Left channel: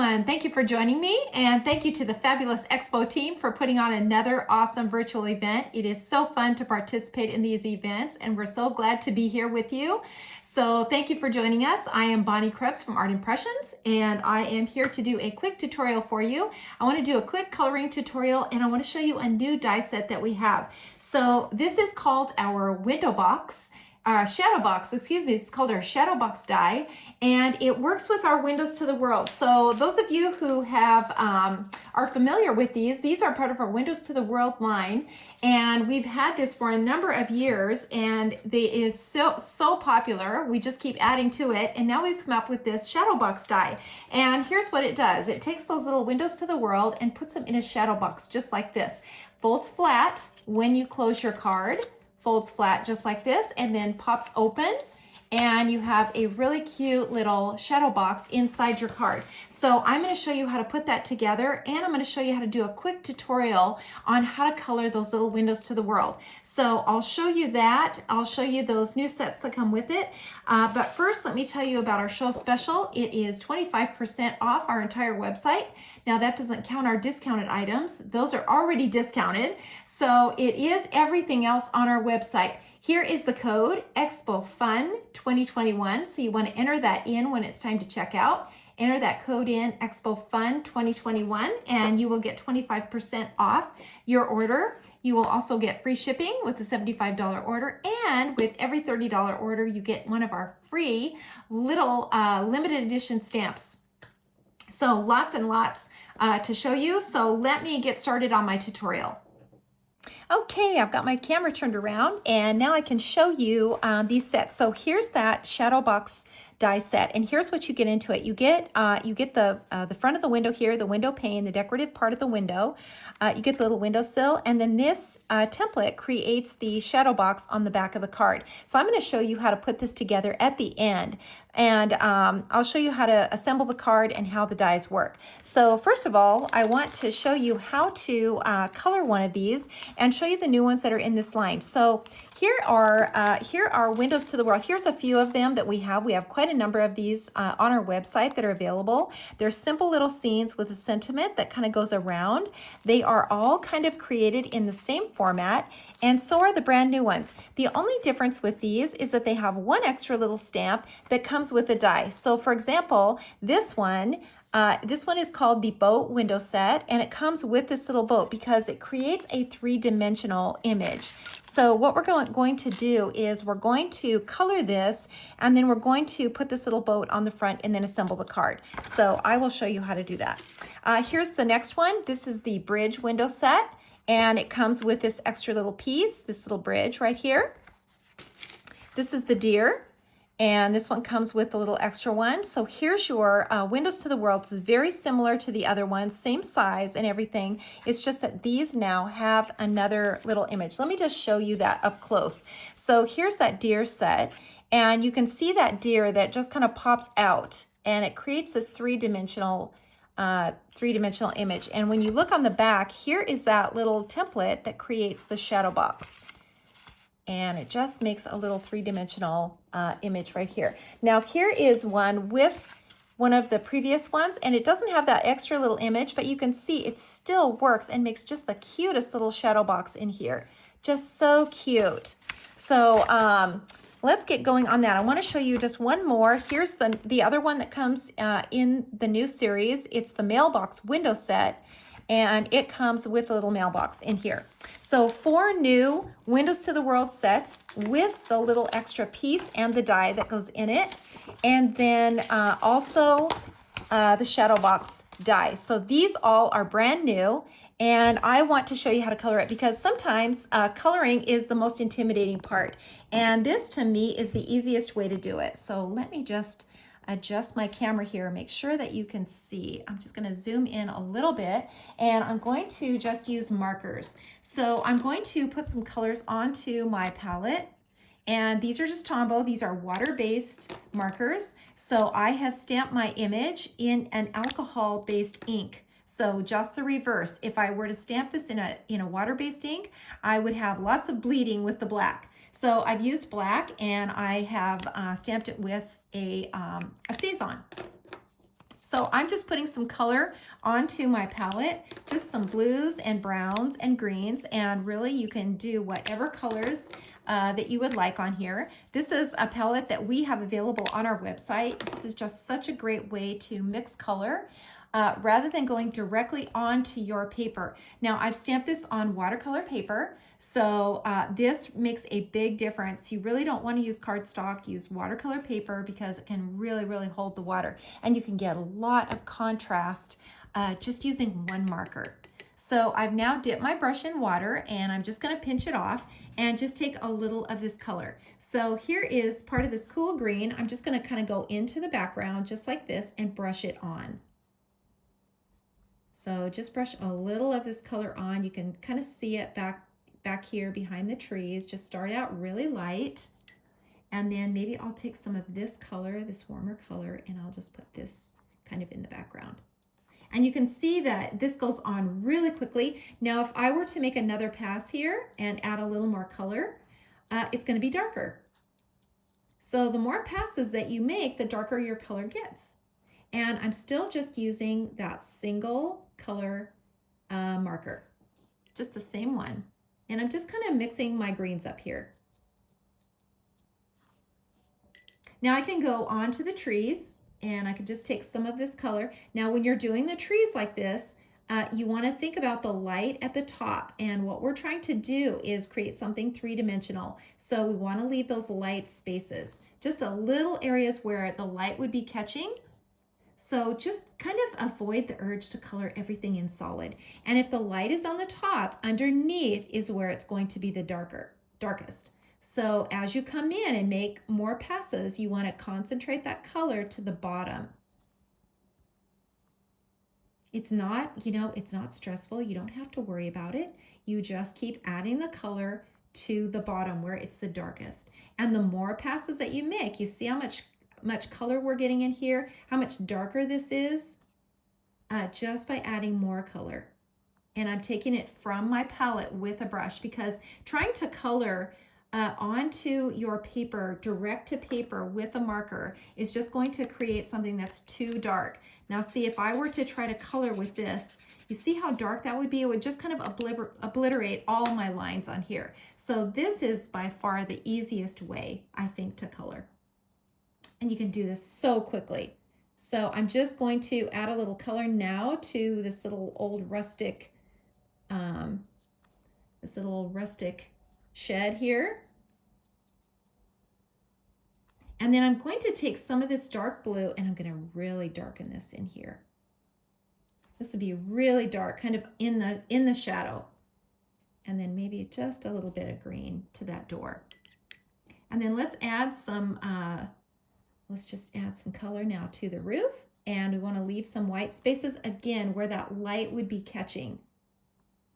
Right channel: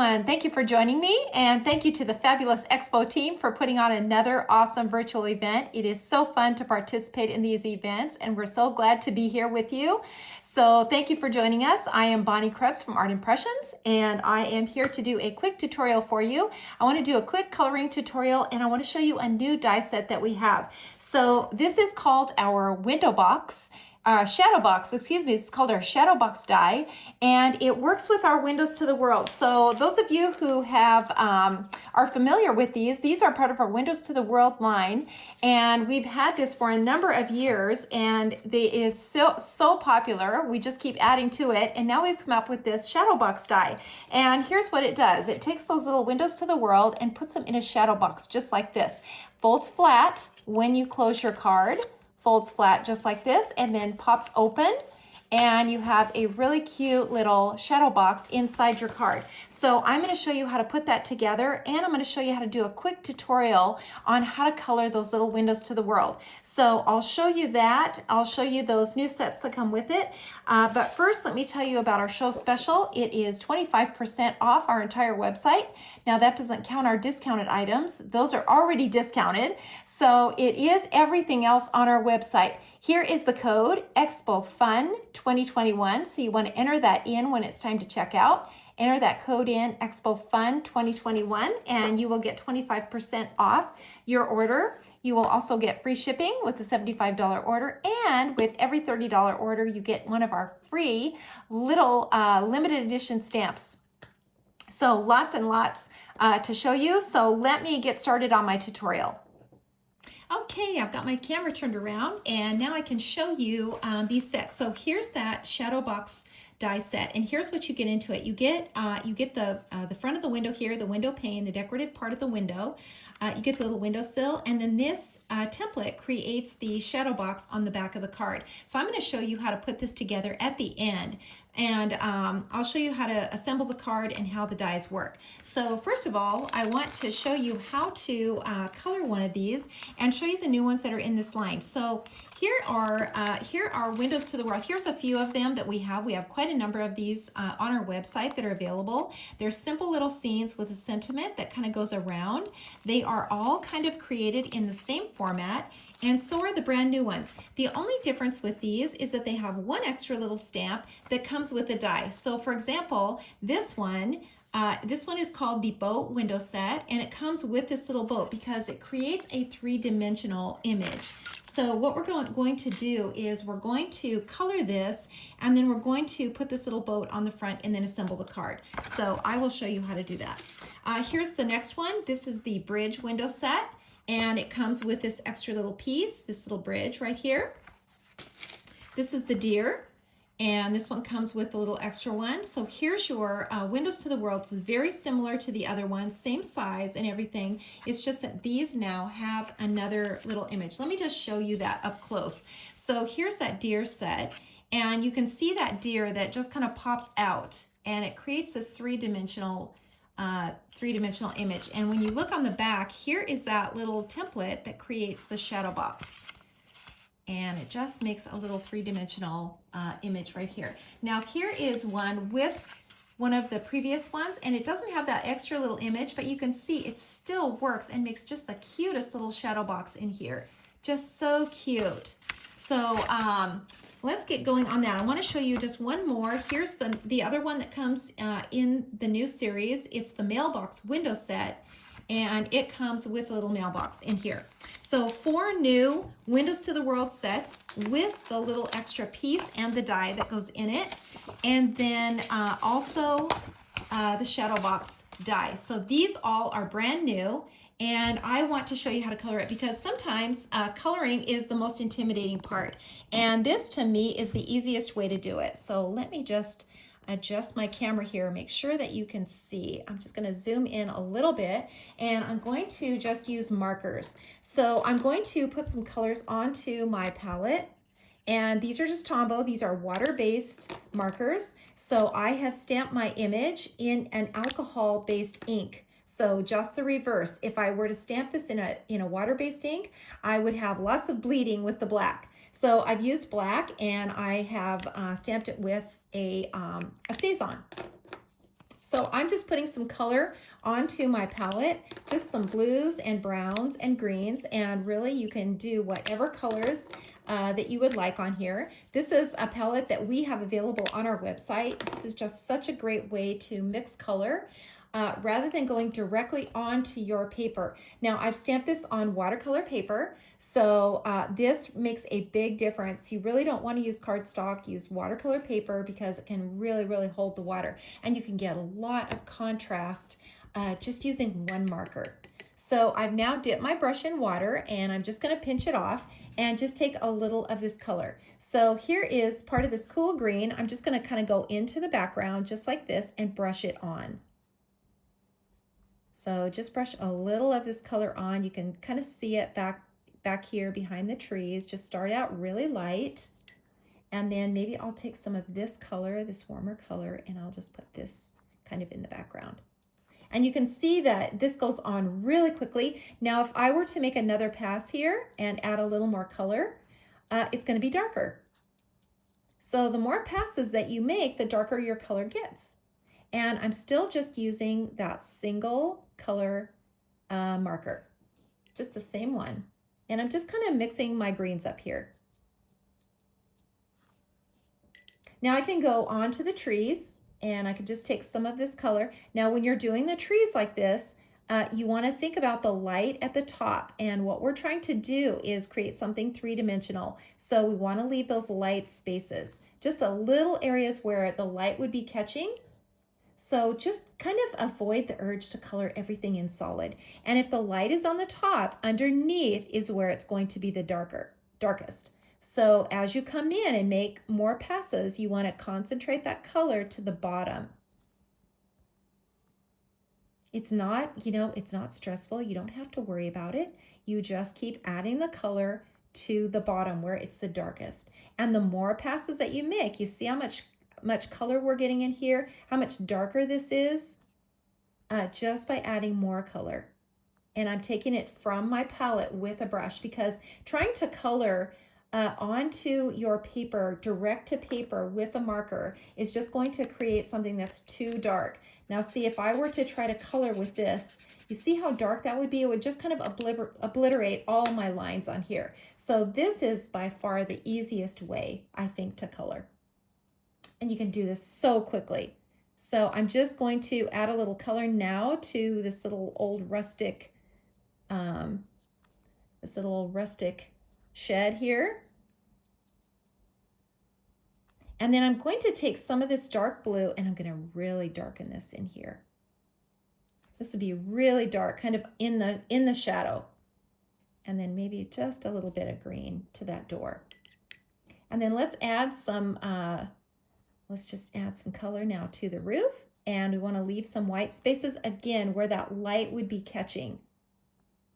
everyone. Thank you for joining me, and thank you to the fabulous Expo team for putting on another awesome virtual event. It is so fun to participate in these events, and we're so glad to be here with you. So thank you for joining us. I am Bonnie Krebs from Art Impressions, and I am here to do a quick tutorial for you. I want to do a quick coloring tutorial, and I want to show you a new die set that we have. So this is called our window box. ShadowBox, excuse me, it's called our ShadowBox die, and it works with our Windows to the World. So those of you who have are familiar with these are part of our Windows to the World line, and we've had this for a number of years, and it is so popular. We just keep adding to it, and now we've come up with this ShadowBox die. And here's what it does. It takes those little Windows to the World and puts them in a shadow box just like this. Folds flat when you close your card. Folds flat just like this, and then pops open, and you have a really cute little shadow box inside your card. So I'm going to show you how to put that together, and I'm going to show you how to do a quick tutorial on how to color those little windows to the world. So I'll show you that. I'll show you those new sets that come with it. But first, let me tell you about our show special. It is 25% off our entire website. Now that doesn't count our discounted items. Those are already discounted. So it is everything else on our website. Here is the code, EXPOFUN 2021. So you want to enter that in when it's time to check out. Enter that code in, EXPOFUN 2021, and you will get 25% off your order. You will also get free shipping with a $75 order, and with every $30 order, you get one of our free little limited edition stamps. So lots and lots to show you. So let me get started on my tutorial. Okay, I've got my camera turned around, and now I can show you these sets. So here's that ShadowBox die set, and here's what you get into it. You get the front of the window here, the window pane, the decorative part of the window. You get the little windowsill, and then this template creates the shadow box on the back of the card. So I'm going to show you how to put this together at the end, and I'll show you how to assemble the card and how the dies work. So first of all, I want to show you how to color one of these and show you the new ones that are in this line. So here are Windows to the World. Here's a few of them that we have. We have quite a number of these on our website that are available. They're simple little scenes with a sentiment that kind of goes around. They are all kind of created in the same format, and so are the brand new ones. The only difference with these is that they have one extra little stamp that comes with the die. So for example, this one is called the boat window set, and it comes with this little boat because it creates a three-dimensional image. So what we're going to do is we're going to color this, and then we're going to put this little boat on the front and then assemble the card. So I will show you how to do that. Here's the next one. This is the bridge window set, and it comes with this extra little piece, this little bridge right here. This is the deer. And this one comes with a little extra one. So here's your Windows to the World. This is very similar to the other ones, same size and everything. It's just that these now have another little image. Let me just show you that up close. So here's that deer set, and you can see that deer that just kind of pops out, and it creates this three-dimensional image. And when you look on the back, here is that little template that creates the shadow box. And it just makes a little three-dimensional image right here. Now here is one with one of the previous ones, and it doesn't have that extra little image, but you can see it still works and makes just the cutest little shadow box in here. Just so cute. So let's get going on that. I want to show you just one more. Here's the other one that comes in the new series. It's the mailbox window set, and it comes with a little mailbox in here. So 4 new Windows to the World sets with the little extra piece and the die that goes in it, and then also the shadow box die. So these all are brand new, and I want to show you how to color it because sometimes coloring is the most intimidating part, and this to me is the easiest way to do it. So let me just adjust my camera here, make sure that you can see. I'm just gonna zoom in a little bit, and I'm going to just use markers. So I'm going to put some colors onto my palette, and these are just Tombow. These are water-based markers. So I have stamped my image in an alcohol-based ink. So just the reverse. If I were to stamp this in a water-based ink, I would have lots of bleeding with the black. So I've used black, and I have stamped it with a StazOn. So I'm just putting some color onto my palette, just some blues and browns and greens, and really you can do whatever colors that you would like on here. This is a palette that we have available on our website. This is just such a great way to mix color rather than going directly onto your paper. Now I've stamped this on watercolor paper, so this makes a big difference. You really don't want to use cardstock, use watercolor paper because it can really hold the water, and you can get a lot of contrast just using one marker. So I've now dipped my brush in water and I'm just going to pinch it off and just take a little of this color. So here is part of this cool green. I'm just going to kind of go into the background just like this and brush it on. So just brush a little of this color on. You can kind of see it back here behind the trees. Just start out really light. And then maybe I'll take some of this color, this warmer color, and I'll just put this kind of in the background. And you can see that this goes on really quickly. Now, if I were to make another pass here and add a little more color, it's going to be darker. So the more passes that you make, the darker your color gets. And I'm still just using that single color marker, just the same one. And I'm just kind of mixing my greens up here. Now I can go on to the trees and I could just take some of this color. Now when you're doing the trees like this, you want to think about the light at the top, and what we're trying to do is create something three-dimensional. So we want to leave those light spaces, just a little areas where the light would be catching. So just kind of avoid the urge to color everything in solid. And if the light is on the top, underneath is where it's going to be the darkest. So as you come in and make more passes, you want to concentrate that color to the bottom. It's not, it's not stressful. You don't have to worry about it. You just keep adding the color to the bottom where it's the darkest. And the more passes that you make, you see how much color we're getting in here, how much darker this is, just by adding more color. And I'm taking it from my palette with a brush, because trying to color onto your paper, direct to paper with a marker, is just going to create something that's too dark. Now see, if I were to try to color with this, you see how dark that would be? It would just kind of obliterate all my lines on here. So this is by far the easiest way, I think, to color. And you can do this so quickly. So I'm just going to add a little color now to this little old rustic, shed here. And then I'm going to take some of this dark blue and I'm going to really darken this in here. This would be really dark, kind of in the shadow. And then maybe just a little bit of green to that door. And then let's add some, let's just add some color now to the roof. And we want to leave some white spaces again where that light would be catching.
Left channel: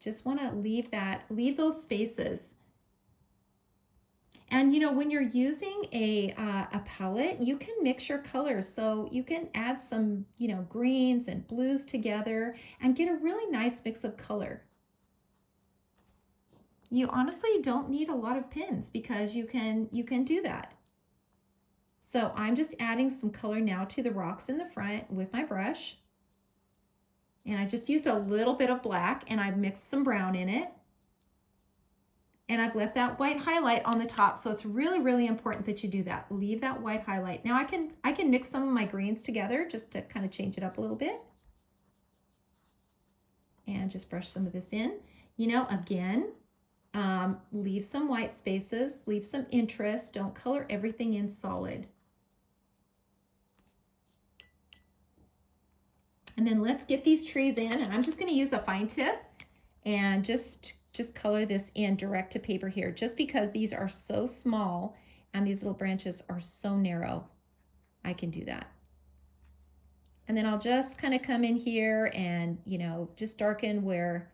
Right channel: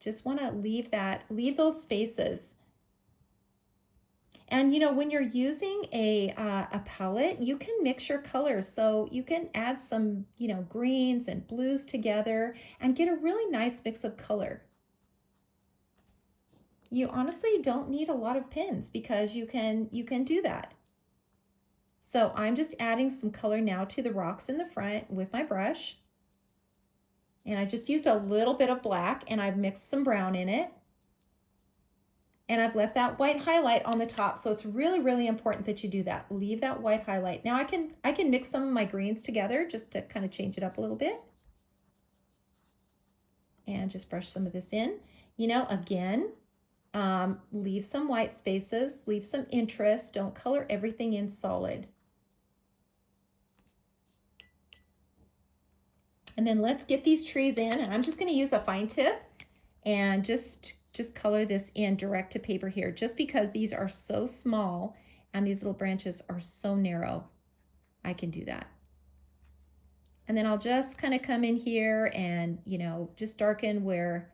Just want to leave those spaces. And when you're using a palette, you can mix your colors. So you can add some, greens and blues together and get a really nice mix of color. You honestly don't need a lot of pins because you can do that. So I'm just adding some color now to the rocks in the front with my brush. And I just used a little bit of black and I've mixed some brown in it. And I've left that white highlight on the top. So it's really important that you do that. Leave that white highlight. Now I can mix some of my greens together just to kind of change it up a little bit. And just brush some of this in. Again, leave some white spaces, leave some interest. Don't color everything in solid. And then let's get these trees in, and I'm just going to use a fine tip and just color this in direct to paper here, just because these are so small and these little branches are so narrow. I can do that. And then I'll just kind of come in here and, just darken where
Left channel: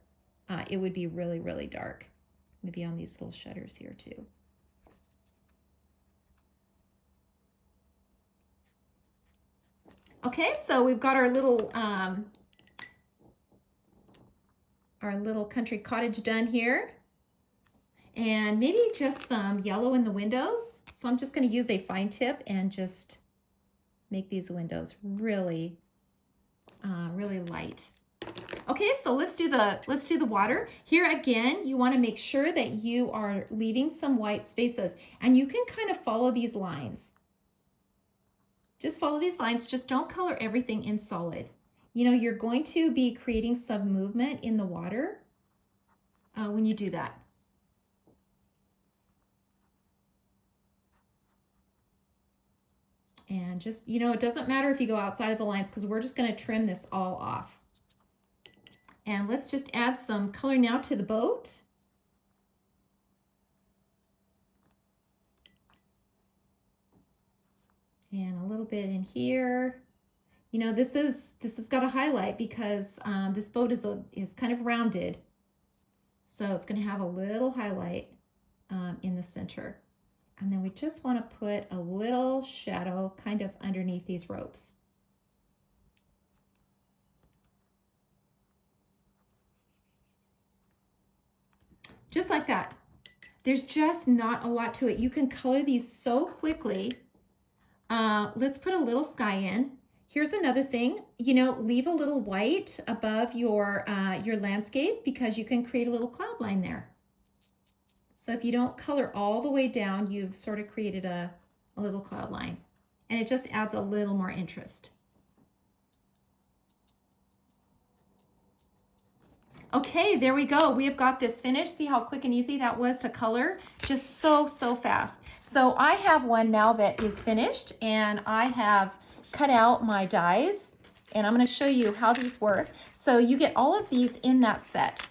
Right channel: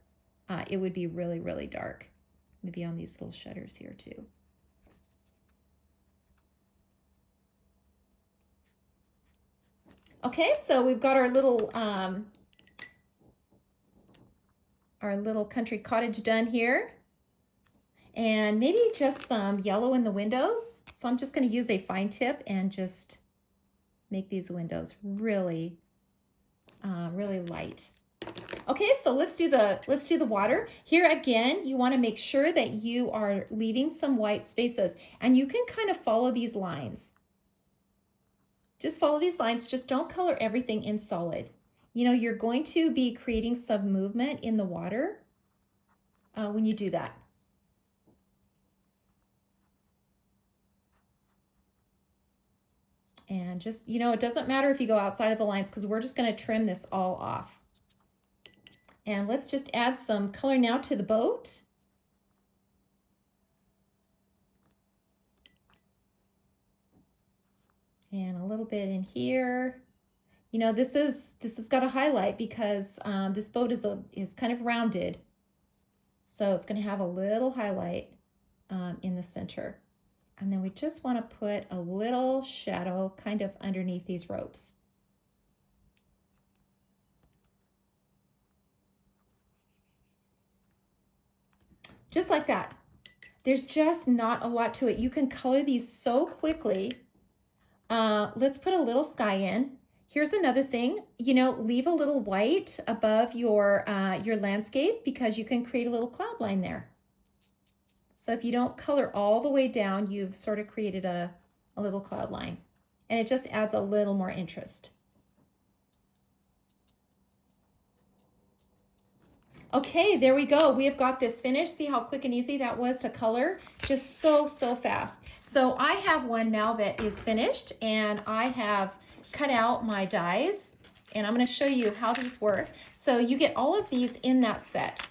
it would be really dark. Maybe on these little shutters here too. Okay, so we've got our little country cottage done here. And maybe just some yellow in the windows. So I'm just going to use a fine tip and just make these windows really really light. Okay, so let's do the water. Here again, you want to make sure that you are leaving some white spaces, and you can kind of follow these lines. Just follow these lines. Just don't color everything in solid. You know, you're going to be creating some movement in the water when you do that. And just, you know, it doesn't matter if you go outside of the lines because we're just going to trim this all off. And let's just add some color now to the boat. And a little bit in here. You know, this has got a highlight because this boat is kind of rounded. So it's going to have a little highlight in the center. And then we just want to put a little shadow kind of underneath these ropes. Just like that. There's just not a lot to it. You can color these so quickly. Let's put a little sky in. Here's another thing, you know, leave a little white above your landscape because you can create a little cloud line there. So if you don't color all the way down, you've sort of created a little cloud line, and it just adds a little more interest. Okay, there we go. We have got this finished. See how quick and easy that was to color? Just so fast. So I have one now that is finished, and I have cut out my dies, and I'm going to show you how these work. So you get all of these in that set.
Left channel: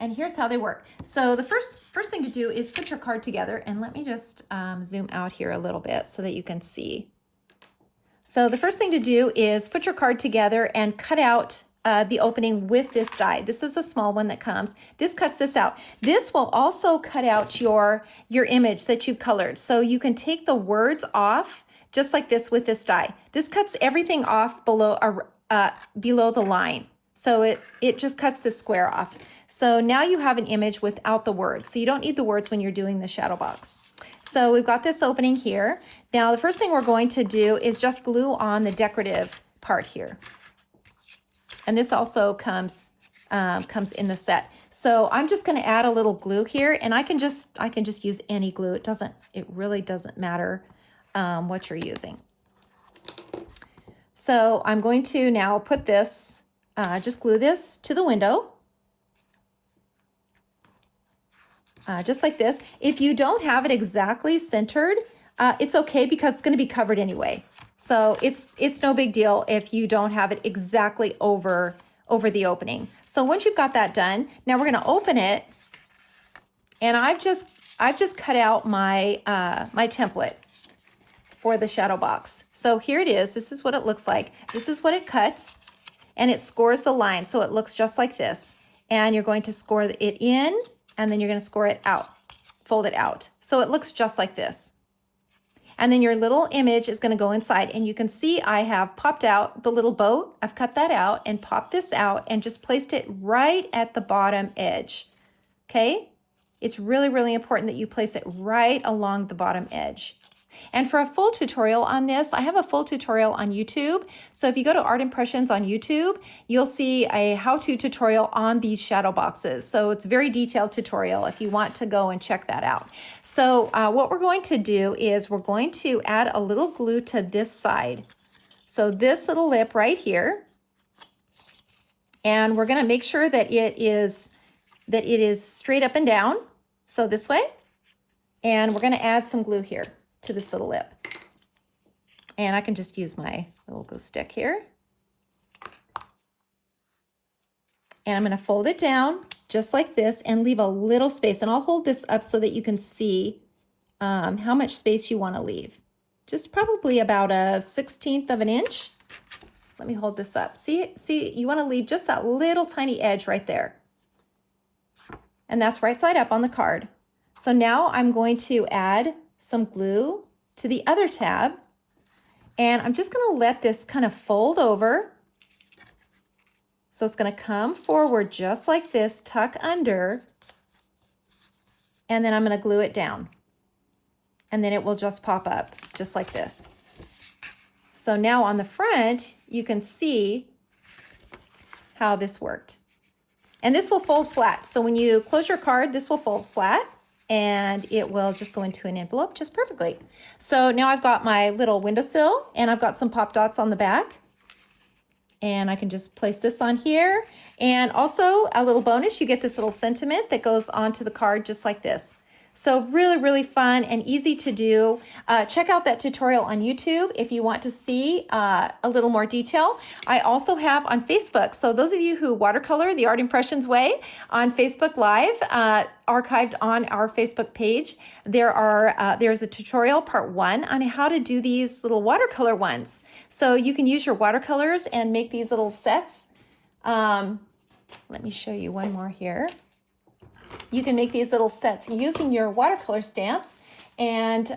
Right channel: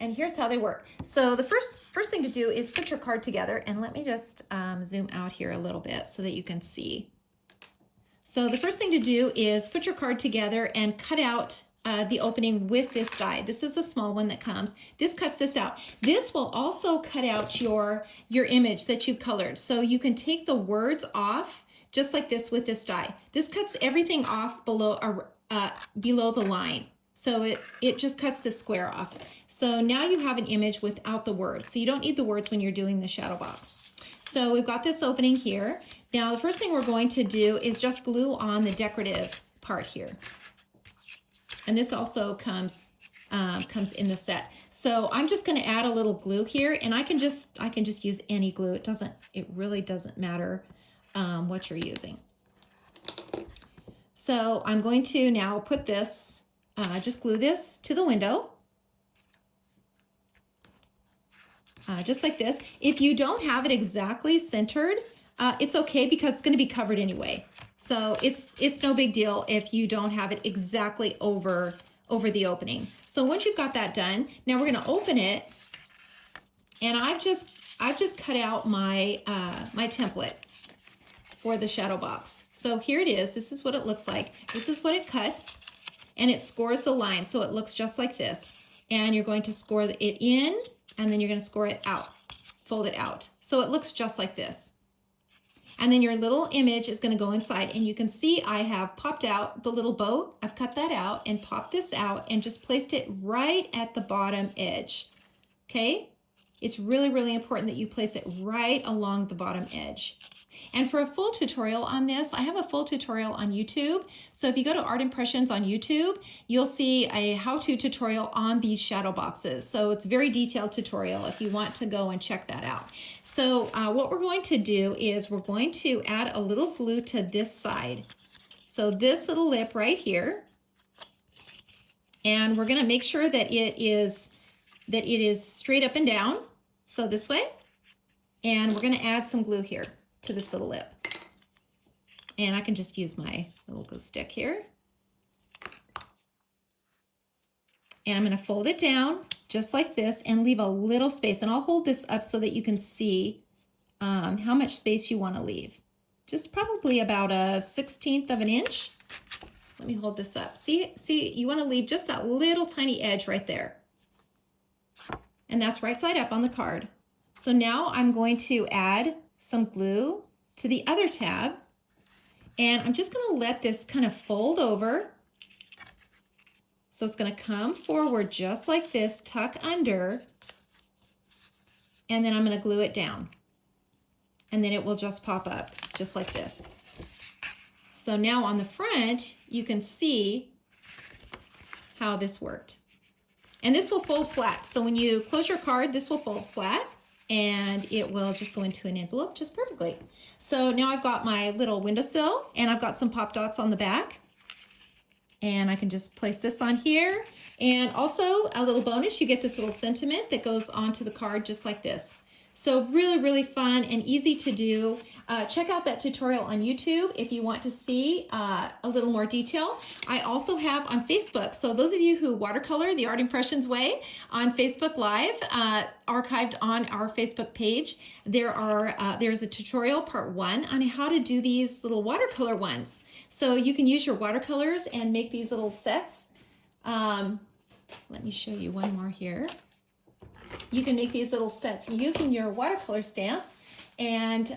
And here's how they work. So the first thing to do is put your card together, and let me just zoom out here a little bit so that you can see. So the first thing to do is put your card together and cut out the opening with this die. This is a small one that comes. This cuts this out. This will also cut out your image that you've colored. So you can take the words off just like this with this die. This cuts everything off below the line. So it just cuts the square off. So now you have an image without the words. So you don't need the words when you're doing the shadow box. So we've got this opening here. Now the first thing we're going to do is just glue on the decorative part here. And this also comes in the set. So I'm just going to add a little glue here, and I can just use any glue. It really doesn't matter what you're using. So I'm going to now put this, just glue this to the window. Just like this. If you don't have it exactly centered, it's okay because it's going to be covered anyway. So it's no big deal if you don't have it exactly over the opening. So once you've got that done, now we're going to open it, and I've just cut out my my template for the shadow box. So here it is. This is what it looks like. This is what it cuts, and it scores the line, so it looks just like this. And you're going to score it in, and then you're going to score it out, fold it out. So it looks just like this. And then your little image is going to go inside, and you can see I have popped out the little boat. I've cut that out and popped this out and just placed it right at the bottom edge. Okay? It's really, really important that you place it right along the bottom edge. And for a full tutorial on this, I have a full tutorial on YouTube. So if you go to Art Impressions on YouTube, you'll see a how-to tutorial on these shadow boxes. So it's a very detailed tutorial if you want to go and check that out. So what we're going to do is we're going to add a little glue to this side. So this little lip right here. And we're going to make sure that it is straight up and down. So this way. And we're going to add some glue here to this little lip. And I can just use my little glue stick here. And I'm going to fold it down just like this and leave a little space. And I'll hold this up so that you can see how much space you want to leave. Just probably about a 1/16 of an inch. Let me hold this up. See, you want to leave just that little tiny edge right there. And that's right side up on the card. So now I'm going to add some glue to the other tab, and I'm just going to let this kind of fold over. So it's going to come forward just like this, tuck under, and then I'm going to glue it down, and then it will just pop up just like this. So now on the front, you can see how this worked. And this will fold flat. So when you close your card, this will fold flat and it will just go into an envelope just perfectly. So now I've got my little windowsill and I've got some pop dots on the back. And I can just place this on here. And also a little bonus, you get this little sentiment that goes onto the card just like this. So really, really fun and easy to do. Check out that tutorial on YouTube if you want to see a little more detail. I also have on Facebook. So those of you who watercolor the Art Impressions way on Facebook Live, archived on our Facebook page, there's a tutorial part 1 on how to do these little watercolor ones. So you can use your watercolors and make these little sets. Let me show you one more here. You can make these little sets using your watercolor stamps and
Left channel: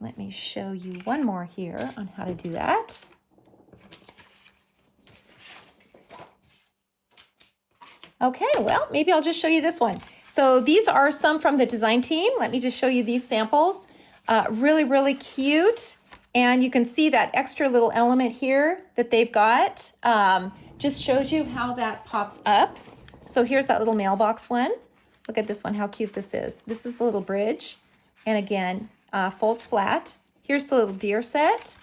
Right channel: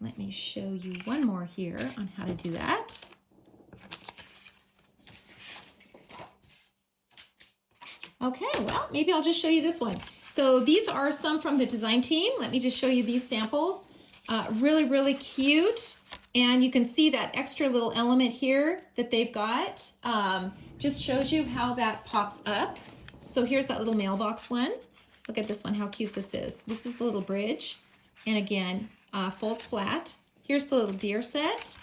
let me show you one more here on how to do that. Okay, well, maybe I'll just show you this one. So these are some from the design team. Let me just show you these samples. Really, really cute. And you can see that extra little element here that they've got. Just shows you how that pops up. So here's that little mailbox one. Look at this one, how cute this is. This is the little bridge. And again, folds flat. Here's the little deer set.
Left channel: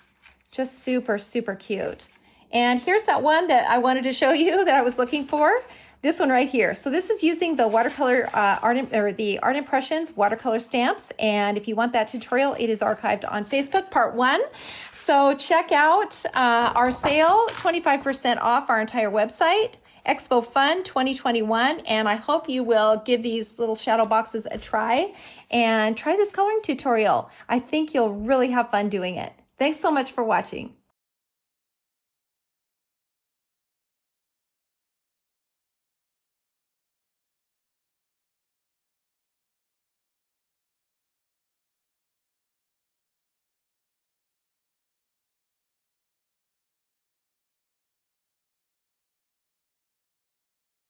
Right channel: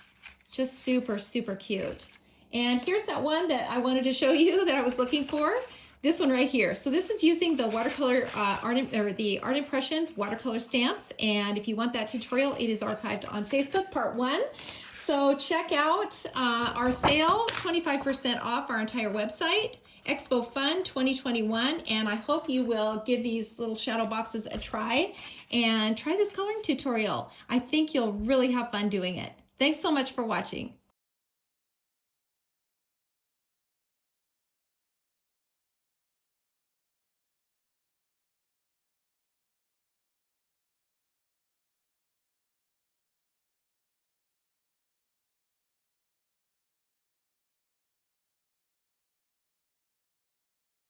Just super, super cute. And here's that one that I wanted to show you that I was looking for. This one right here. So this is using the watercolor the Art Impressions watercolor stamps. And if you want that tutorial, it is archived on Facebook, part 1. So check out our sale, 25% off our entire website, Expo Fun 2021. And I hope you will give these little shadow boxes a try and try this coloring tutorial. I think you'll really have fun doing it. Thanks so much for watching.